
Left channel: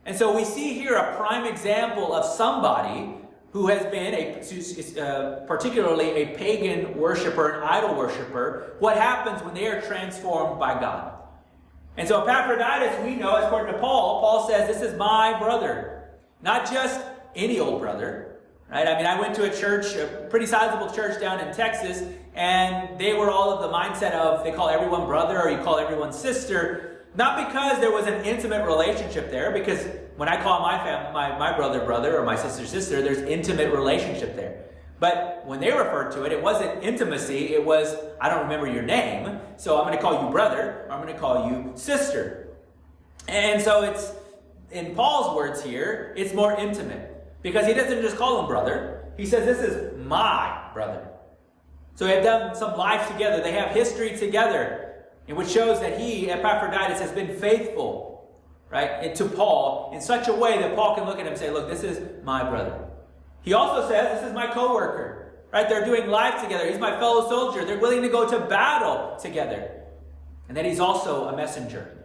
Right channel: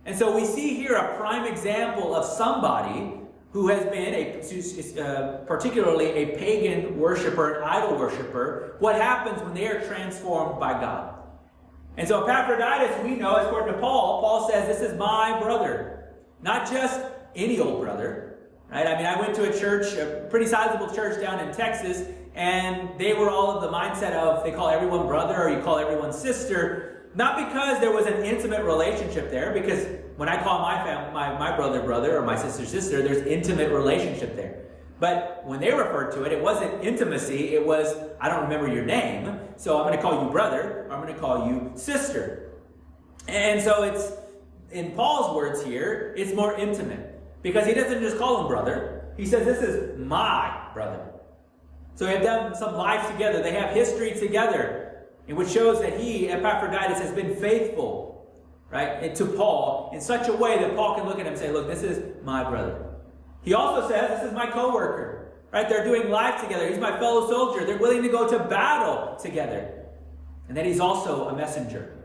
And so we see here a prime example of somebody who has been particularly a pagan worshiper, an idol worshiper. What happens when they are transformed by God? And so Epaphroditus, we know, according to Paul says, this is my brother. Not just any old brother, right? I went to a church, a pretty sizable church down in Texas, and they were all of the mindset of they call everyone brother or you call everyone sister, not because there was an intimate relationship there, because when I call my family, my brother brother or my sister sister, there's intimate relationship there. But when they referred to it, it wasn't intimacy, it was, I don't remember your name, so I'm going to call you brother, or I'm going to call you sister. And so it's, in Paul's words here, it's more intimate. Because he doesn't just call him brother, he says, this is my brother. So they have done some life together, they have history together, which shows that he, Epaphroditus, has been faithful, right, to Paul in such a way that Paul can look at him and say, look, this is my brother. He also says, this is my co-worker, right? They're doing life together. He's my fellow soldier. They're willing to go to battle together. And then he's also a messenger.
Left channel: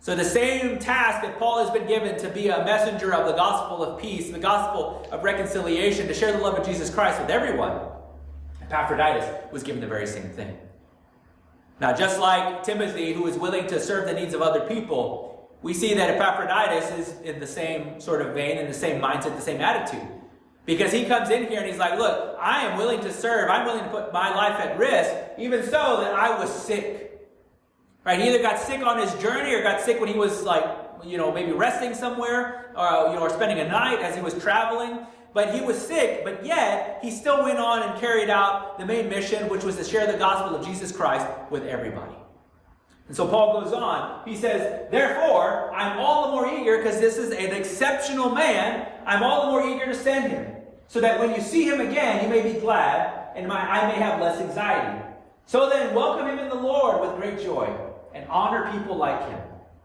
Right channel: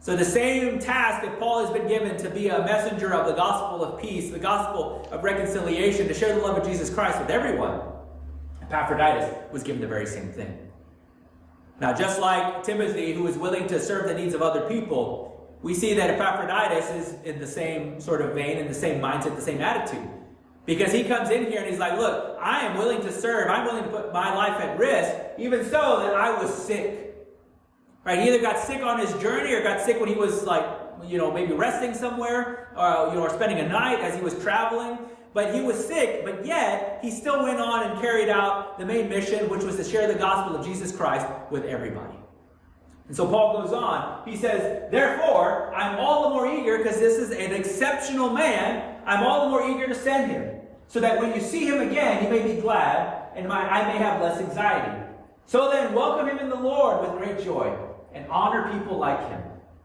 So the same task that Paul has been given to be a messenger of the gospel of peace, the gospel of reconciliation, to share the love of Jesus Christ with everyone, Epaphroditus was given the very same thing. Now, just like Timothy, who is willing to serve the needs of other people, we see that Epaphroditus is in the same sort of vein, in the same mindset, the same attitude. Because he comes in here and he's like, look, I am willing to serve. I'm willing to put my life at risk, even so that I was sick. Right? He either got sick on his journey or got sick when he was maybe resting somewhere or spending a night as he was traveling. But he was sick, but yet he still went on and carried out the main mission, which was to share the gospel of Jesus Christ with everybody. And so Paul goes on. He says, therefore, I'm all the more eager, because this is an exceptional man, I'm all the more eager to send him, so that when you see him again, you may be glad, and I may have less anxiety. So then, welcome him in the Lord with great joy, and honor people like him,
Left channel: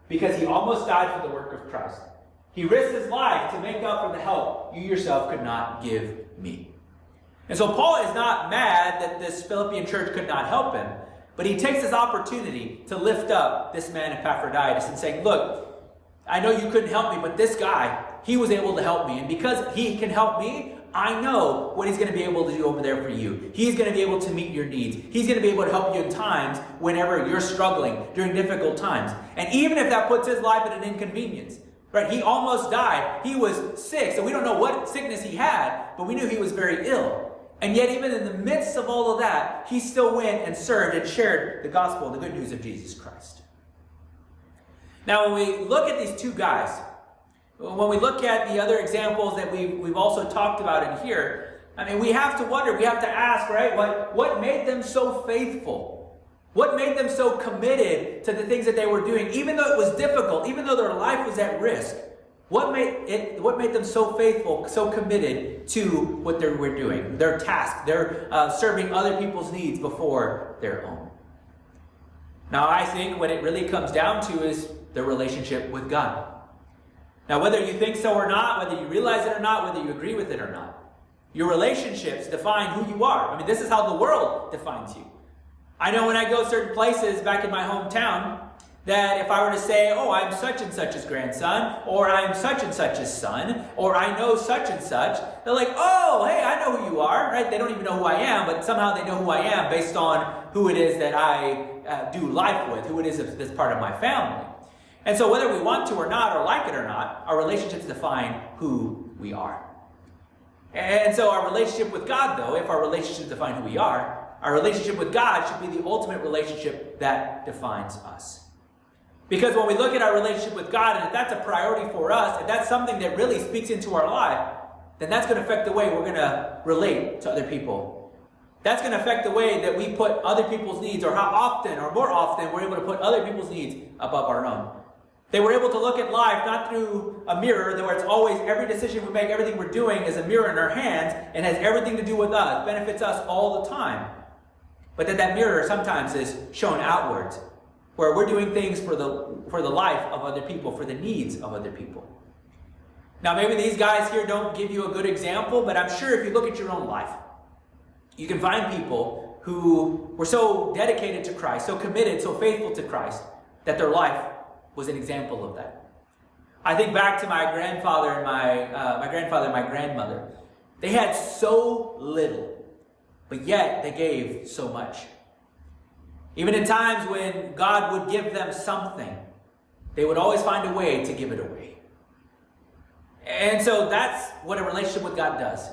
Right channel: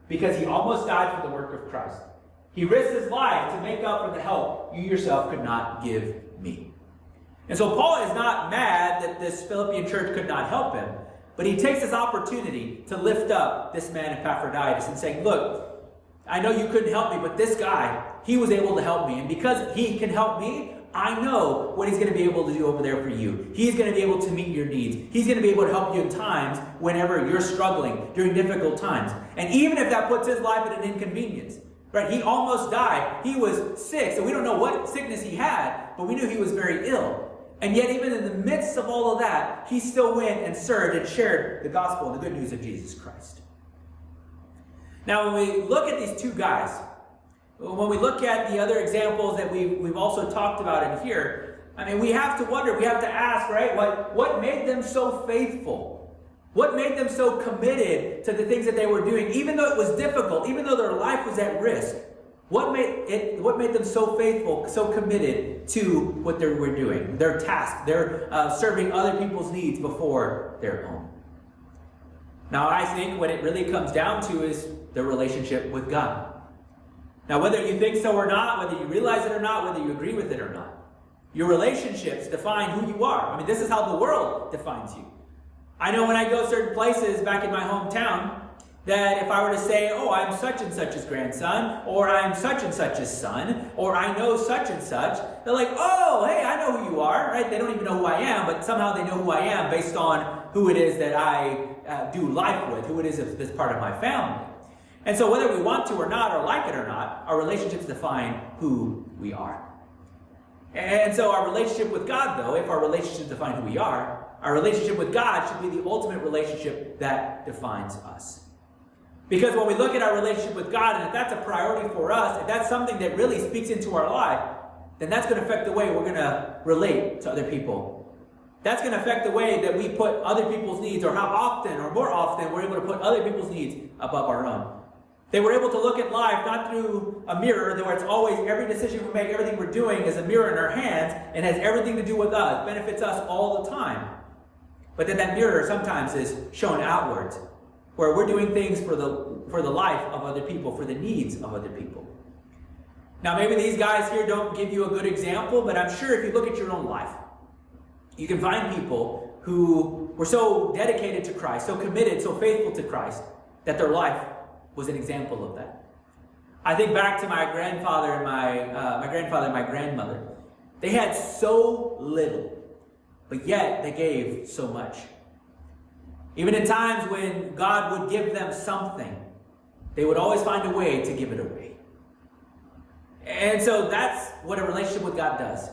because he almost died for the work of Christ. He risked his life to make up for the help you yourself could not give me. And so Paul is not mad that this Philippian church could not help him, but he takes this opportunity to lift up this man Epaphroditus and saying, look, I know you couldn't help me, but this guy, he was able to help me. And because he can help me, I know what he's going to be able to do over there for you. He's going to be able to meet your needs. He's going to be able to help you in times whenever you're struggling, during difficult times. And even if that puts his life at an inconvenience, right? He almost died. He was sick. So we don't know what sickness he had, but we knew he was very ill. And yet even in the midst of all of that, he still went and served and shared the gospel and the good news of Jesus Christ. Now, when we look at these two guys, when we look at the other examples that we've also talked about in here, I mean, we have to wonder, we have to ask, right? What made them so faithful? What made them so committed to the things that they were doing, even though it was difficult, even though their life was at risk? What made them so faithful, so committed to what they were doing, their task, their serving other people's needs before their own? Now, I think what it really comes down to is their relationship with God. Now, whether you think so or not, whether you realize it or not, whether you agree with it or not, your relationships define who you are. I mean, this is how the world defines you. I know when I go certain places back in my hometown, that if I were to say, oh, I'm such and such's grandson, or I'm such and such's son, or I know such and such, they're like, oh, hey, I know who you are, right? They don't even know who I am, but somehow they know who I am based on who it is that I do life with, who it is that's part of my family. And so whether we want to or not, or like it or not, our relationships define who we are. And so our relationship with God, though, if our relationships define who we are, our relationship with God should be the ultimate relationship that defines us. Because when we look at our relationship with God, and if that's a priority for us, if that's something that really speaks into our life, then that's going to affect the way we're going to relate to other people. That's going to affect the way that we put other people's needs, or how often, or more often, we're able to put other people's needs above our own. They were able to look at life not through a mirror, where it's always every decision we make, everything we're doing is a mirror in our hands and has everything to do with us, benefits us all the time. But that mirror sometimes is shown outwards, where we're doing things for the life of other people, for the needs of other people. Now, maybe these guys here don't give you a good example, but I'm sure if you look at your own life, you can find people who were so dedicated to Christ, so committed, so faithful to Christ, that their life was an example of that. I think back to my grandfather and my grandmother. They had so little, but yet they gave so much. Even in times when God would give them something, they would always find a way to give it away. And so that's what a relationship with God does.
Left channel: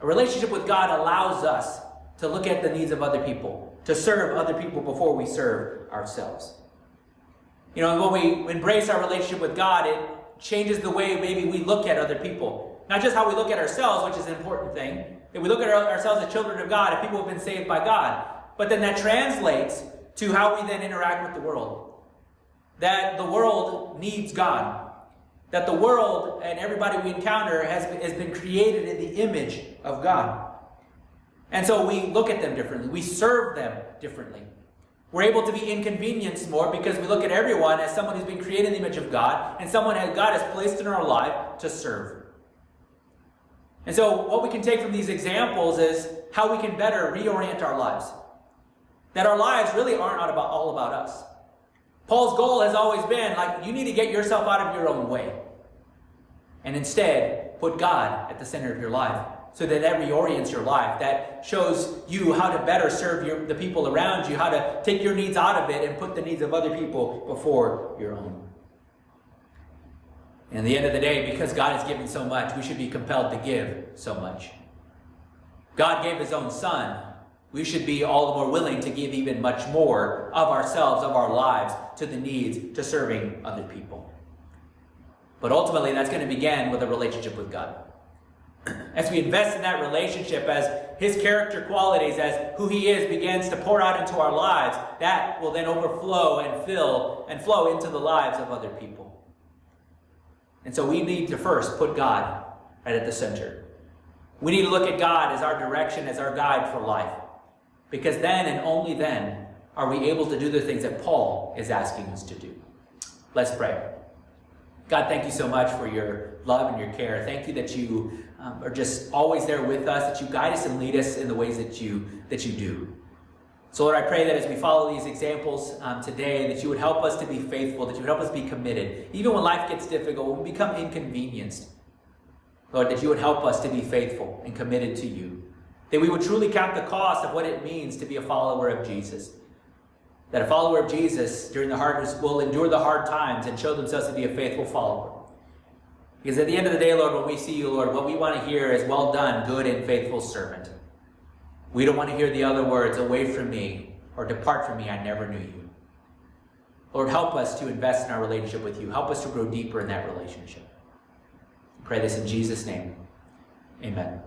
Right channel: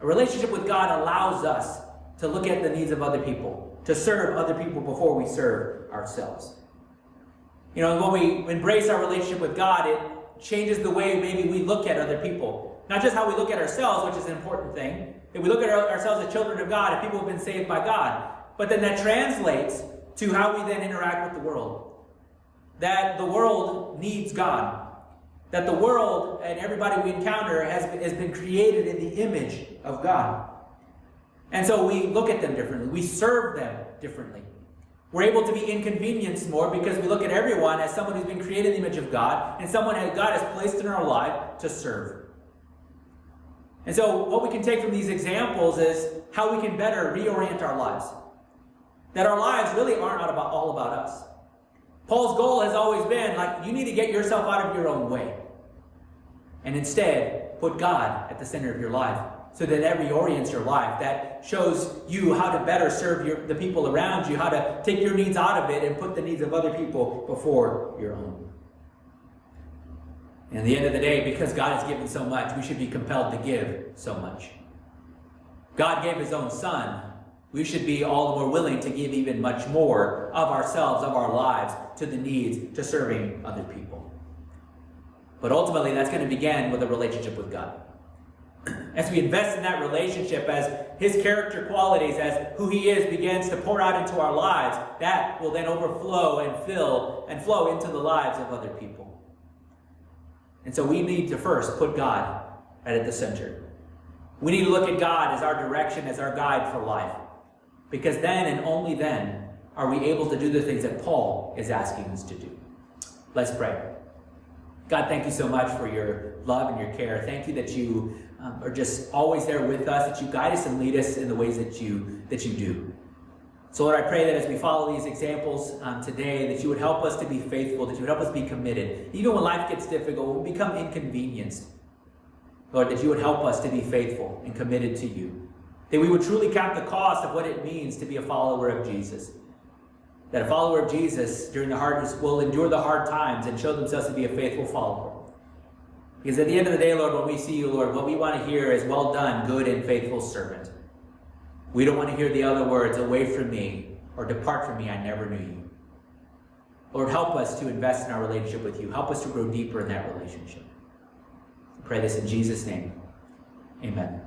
A relationship with God allows us to look at the needs of other people, to serve other people before we serve ourselves. You know, when we embrace our relationship with God, it changes the way maybe we look at other people. Not just how we look at ourselves, which is an important thing, that we look at ourselves as children of God, if people have been saved by God. But then that translates to how we then interact with the world. That the world needs God. That the world and everybody we encounter has been created in the image of God. And so we look at them differently. We serve them differently. We're able to be inconvenienced more because we look at everyone as someone who's been created in the image of God and someone that God has placed in our life to serve. And so what we can take from these examples is how we can better reorient our lives. That our lives really aren't all about us. Paul's goal has always been, like, you need to get yourself out of your own way. And instead, put God at the center of your life. So that reorients your life. That shows you how to better serve the people around you. How to take your needs out of it and put the needs of other people before your own. And at the end of the day, because God has given so much, we should be compelled to give so much. God gave his own son. We should be all the more willing to give even much more of ourselves, of our lives, to the needs, to serving other people. But ultimately, that's going to begin with a relationship with God. As we invest in that relationship, as his character qualities, as who he is begins to pour out into our lives, that will then overflow and flow into the lives of other people. And so we need to first put God right at the center. We need to look at God as our direction, as our guide for life. Because then and only then are we able to do the things that Paul is asking us to do. Let's pray. God, thank you so much for your love and your care. Thank you that you are just always there with us, that you guide us and lead us in the ways that you do. So Lord, I pray that as we follow these examples today, that you would help us to be faithful, that you would help us be committed. Even when life gets difficult, when we become inconvenienced, Lord, that you would help us to be faithful and committed to you. That we would truly count the cost of what it means to be a follower of Jesus. That a follower of Jesus during the hardest will endure the hard times and show themselves to be a faithful follower. Because at the end of the day, Lord, when we see you, Lord, what we want to hear is, well done, good and faithful servant. We don't want to hear the other words, away from me, or depart from me, I never knew you. Lord, help us to invest in our relationship with you. Help us to grow deeper in that relationship. I pray this in Jesus' name. Amen.